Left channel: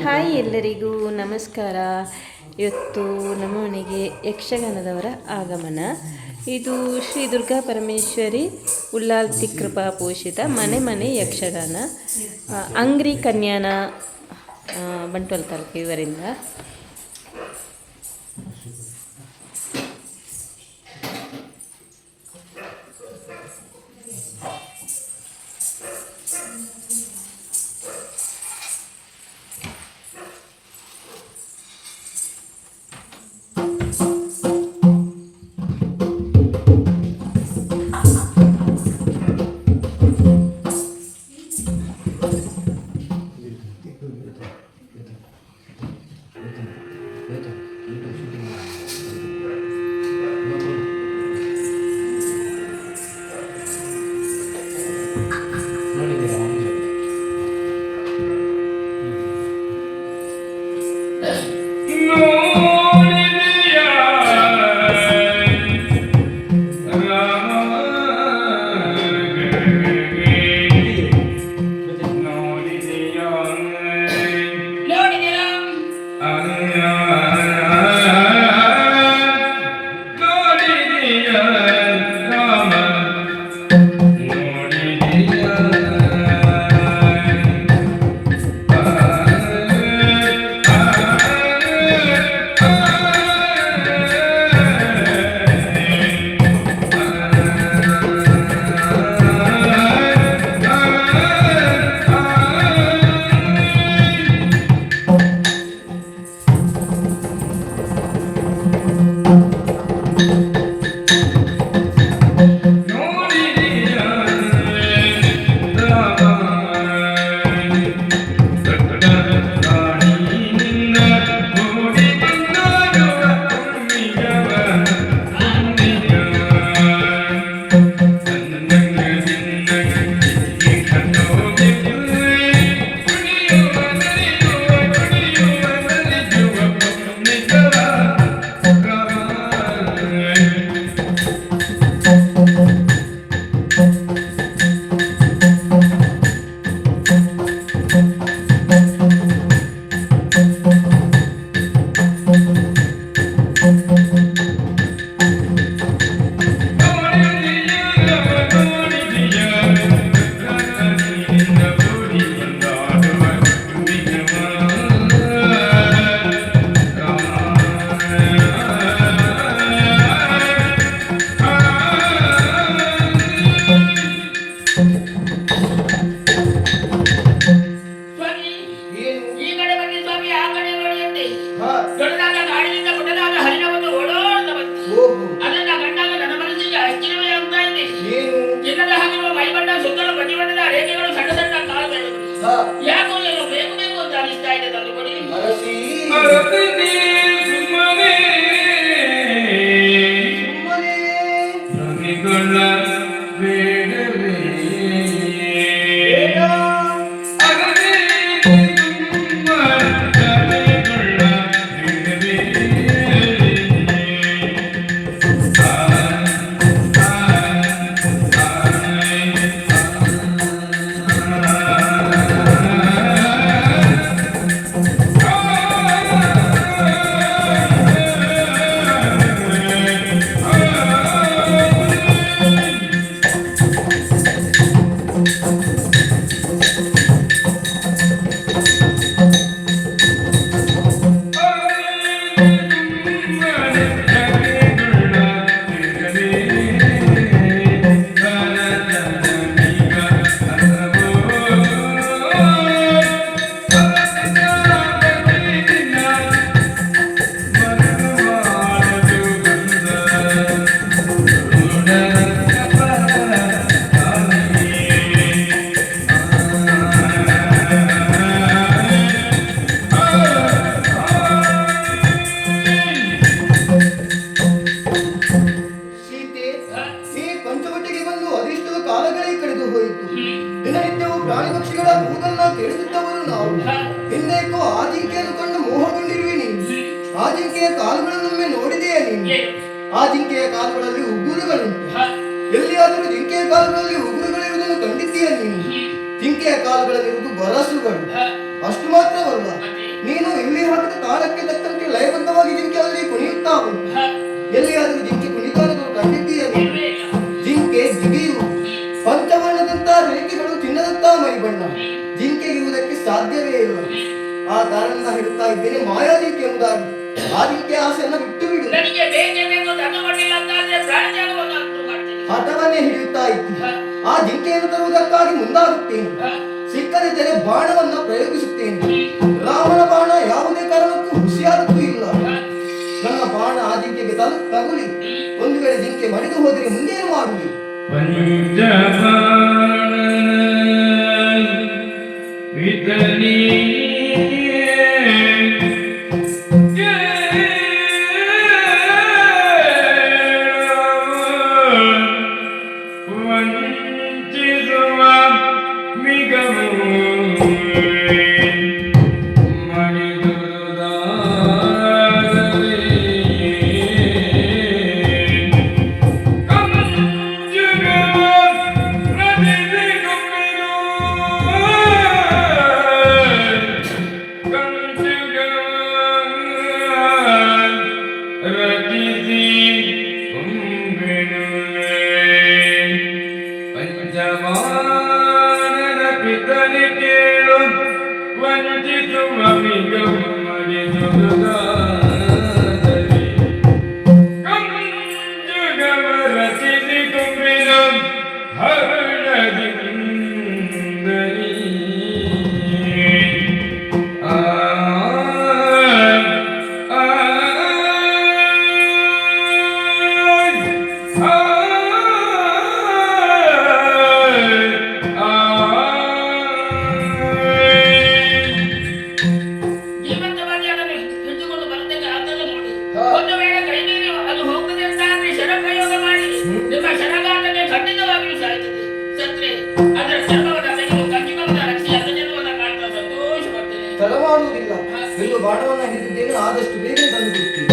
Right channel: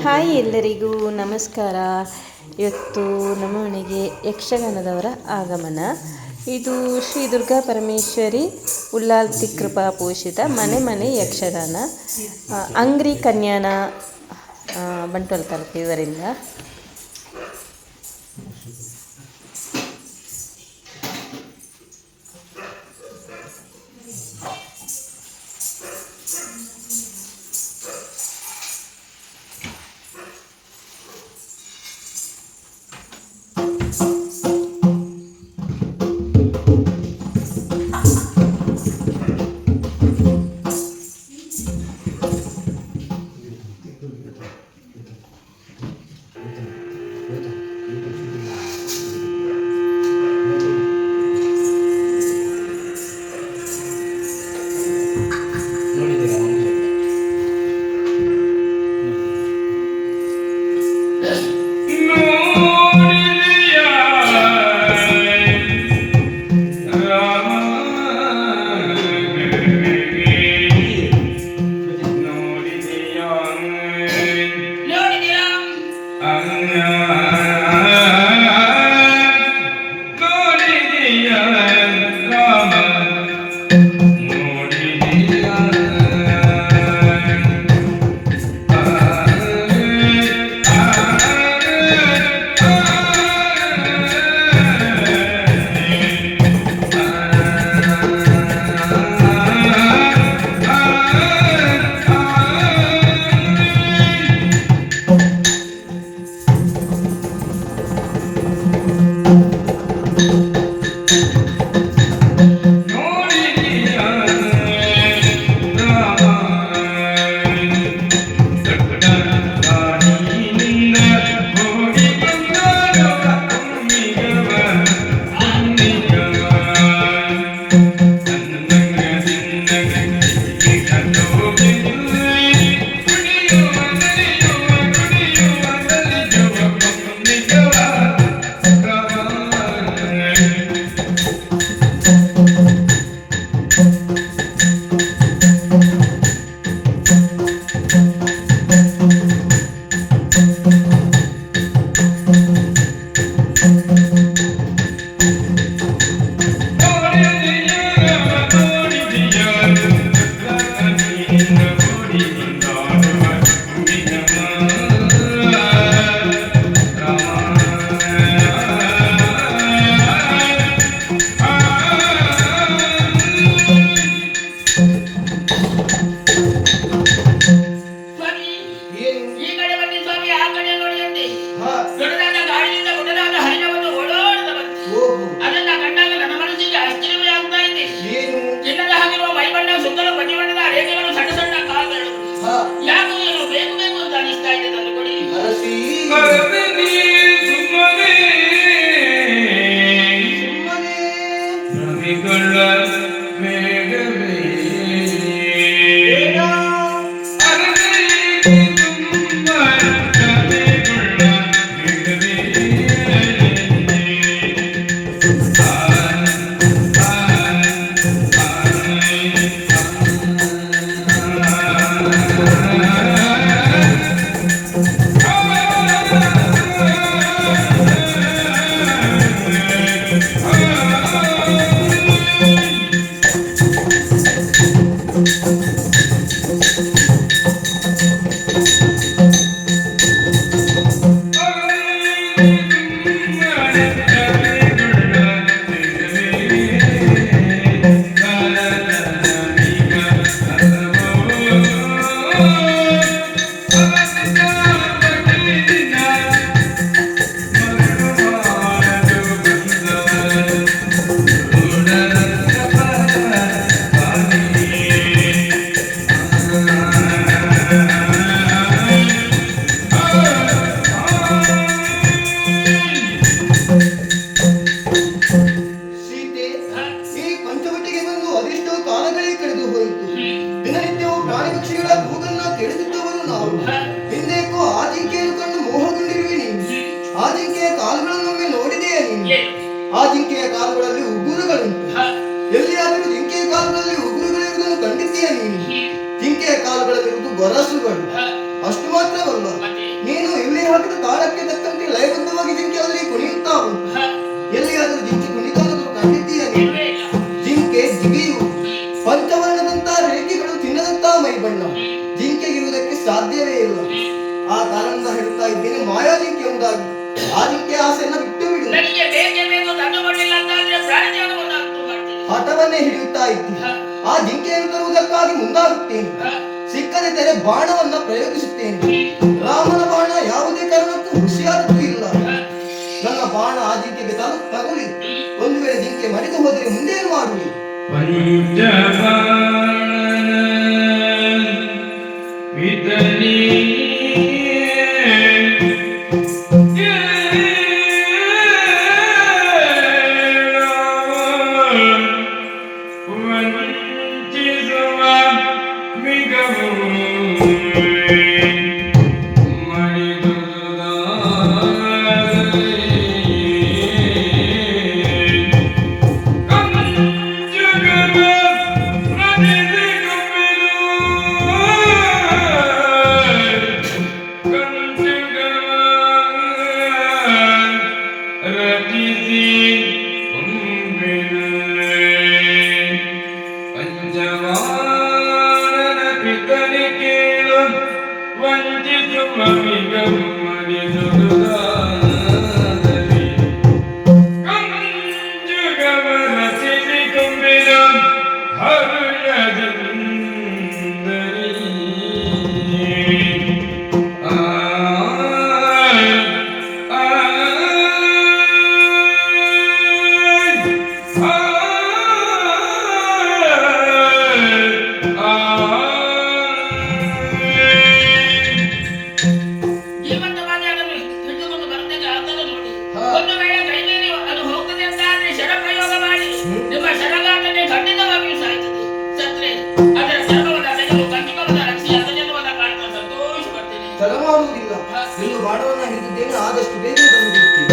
Hi ಎಲ್ಲರಿಗೂ ನಮಸ್ಕಾರ. ಇವತ್ತು ನಮ್ಮ ಮನೆಗೆ ಯಕ್ಷಗಾನದವರ ಆಗಮನ. ಇದು ಶ್ರೀ ದುರ್ಗಾ ಪರಮೇಶ್ವರಿ ಉಲ್ಲಾಲ್ತಿ ಕೃಪಾ ಪೋಷಿತ ಮನೆ ಮನೆ ಯಕ್ಷಗಾನ. ಅಂಗ್ರಿ ಕನ್ಯಾನ ಬಂಟ್ವಾಳ ತಾಲೂಕು ಇವರಿಂದ. ಆ ಜಿಂಕೆಯ ಕಾಲುಗಳಲ್ಲಿ ಉಗುರುಗಳುಂಟು. ಎಲ್ಲಿಯಾದರೂ ಜಿಂಕೆಯ ಕಾಲುಗಳಲ್ಲಿ ಉಗುರುಗಳಿರುವುದನ್ನು ಕಂಡಿದ್ದೀಯ ನೀನು? ಜಿಂಕೆಯ ಕಾಲುಗಳಲ್ಲಿರುವುದು ಗೊರಸುಗಳು. ಅಷ್ಟು ಮಾತ್ರವಲ್ಲ, ಹಿಡಿಯುತ್ತಾ ಇದ್ದೇನೆ ಮಾಯಾಜಿಂಕೆ ಎಂಬುದಾಗಿ. ಆ ಜಿಂಕೆ ಆಸೆಯನ್ನು ಬಿಟ್ಟು ಬಿಡು. ನನಗೆ ಬೇಕೇ ಬೇಕು ದಂಡ ಮಾಡಲಿಲ್ಲ ಅಂತಾದ್ರೆ ಪ್ರಾಣತ್ಯಾಗವನ್ನು ಮಾಡ್ತೀನಿ. ಹಠವನ್ನೇ ಹಿಡಿಯುತ್ತಾ ಇದ್ದೀನಿ. ಆ ಜಿಂಕೆಯನ್ನು ತರುವುದಕ್ಕಾಗಿ ಮುಂದಾಗುತ್ತೇನೆ. ಸಿಕ್ಕದೆ ತೆರೆ ಬಾಣವನ್ನ ಪ್ರಯೋಗಿಸುತ್ತೇನೆ. ರಾಮನ ಬಾಣ ಯಾವುದೇ ಕಾರಣಕ್ಕೂ ಹುಸಿಯಾದದ್ದು ಇಲ್ಲ. ನನ್ನ ಬಾಣ ಆ ಜಿಂಕೆಗೆ ತಗುಲಿ ಒಂದು ವೇಳೆ ಜಿಂಕೆ ಮಡಿದು ಹೋದರೆ ಮುಂದೇನು ಮಾಡುವಿ? ತಡ ಮಾಡುವುದಿಲ್ಲ. ಇನ್ನು ಬಾಣವನ್ನ ಹಿಡಿದಿದ್ದೇನೆ, ಆದಷ್ಟು ಬೇಗ ತಂದು ಬಿಡ್ತೀನಿ.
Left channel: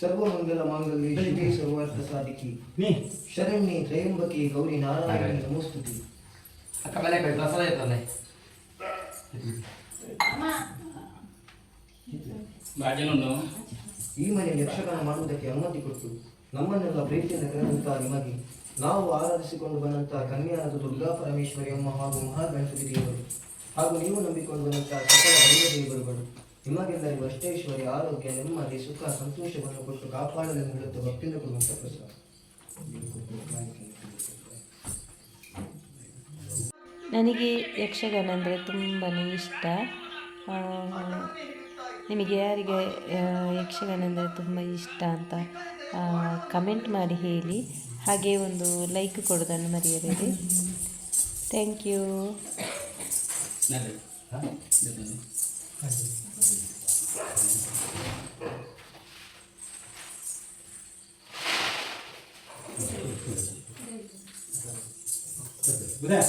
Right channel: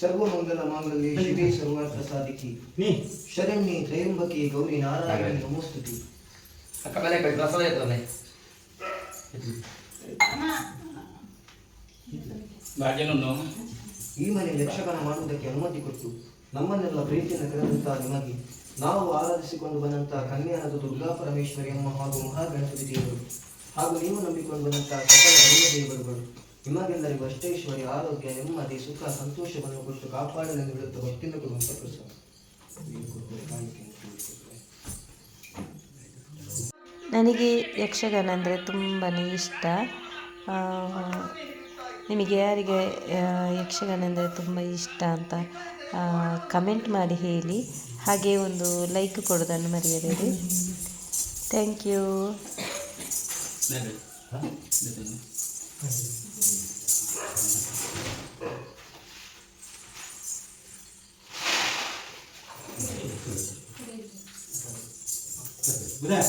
ಸರ್ವಮಂಗಲ ಮಾಂಗಲ್ಯೆ ಶಿವೆ ಸರ್ವಾರ್ಥ ಸಾಧಿಕಿ ಶರಣ್ಯೆ ತ್ರಯಂಬಕೆ ಗೌರಿ ನಾರಾಯಣಿ ನಮೋಸ್ತುತಿ. ಈ ಮನೆ ಯಕ್ಷಗಾನ ಮಾಡುವುದಕ್ಕೆ ಅನುಮತಿ ಕೊಟ್ಟು ನಮ್ಮನ್ನೆಲ್ಲ ಪ್ರೀತಿಯಿಂದ ಕರೆದಂತಹ ನಿಮಗೆ ನಾವು ಆರಾಧಿಸಿಕೊಂಡು ಬಂದಂತಹ ಕನ್ಯಾನದ ದುರ್ಗಾ ಪರಮೇಶ್ವರಿ ಅಮ್ಮ ಹಾಗೂ ಮಹಾಗಣಪತಿ ದೇವರು ಹಾಗೂ ನೀವು ನಂಬಿಕೊಂಡು ಬಂದಂತಹ ಸಕಲ ದೈವ ದೇವರುಗಳು ನಿಮಗೆಲ್ಲರಿಗೂ ಅಷ್ಟೈಶ್ವರ್ಯ, ಆರೋಗ್ಯ, ನೆಮ್ಮದಿ, ಸುಖ, ಸಂತೋಷವನ್ನು ಕೊಟ್ಟು ಕಾಪಾಡಲೆಂದು ಹೇಳುತ್ತಾ ಭಕ್ತಿಯಿಂದ ಕೊಡುವಂಥ ಪ್ರಸಾದ. ನನಗೆ ಯಕ್ಷಗಾನ ಅಂದರೆ ತುಂಬಾ ಇಷ್ಟ. ನಿಮಗೆ ಯಾರಿಗೆ ಯಕ್ಷಗಾನ ಅಂದರೆ ತುಂಬ ಇಷ್ಟ ಅಂತ ಕಮೆಂಟ್ ಮಾಡಿ ಹೇಳಿ. ಹಾಗೆ ಒಂದು ಲೈಕ್ ಕೊಡೋದನ್ನು ಮರೆಯಬೇಡಿ. Thank you. Udah.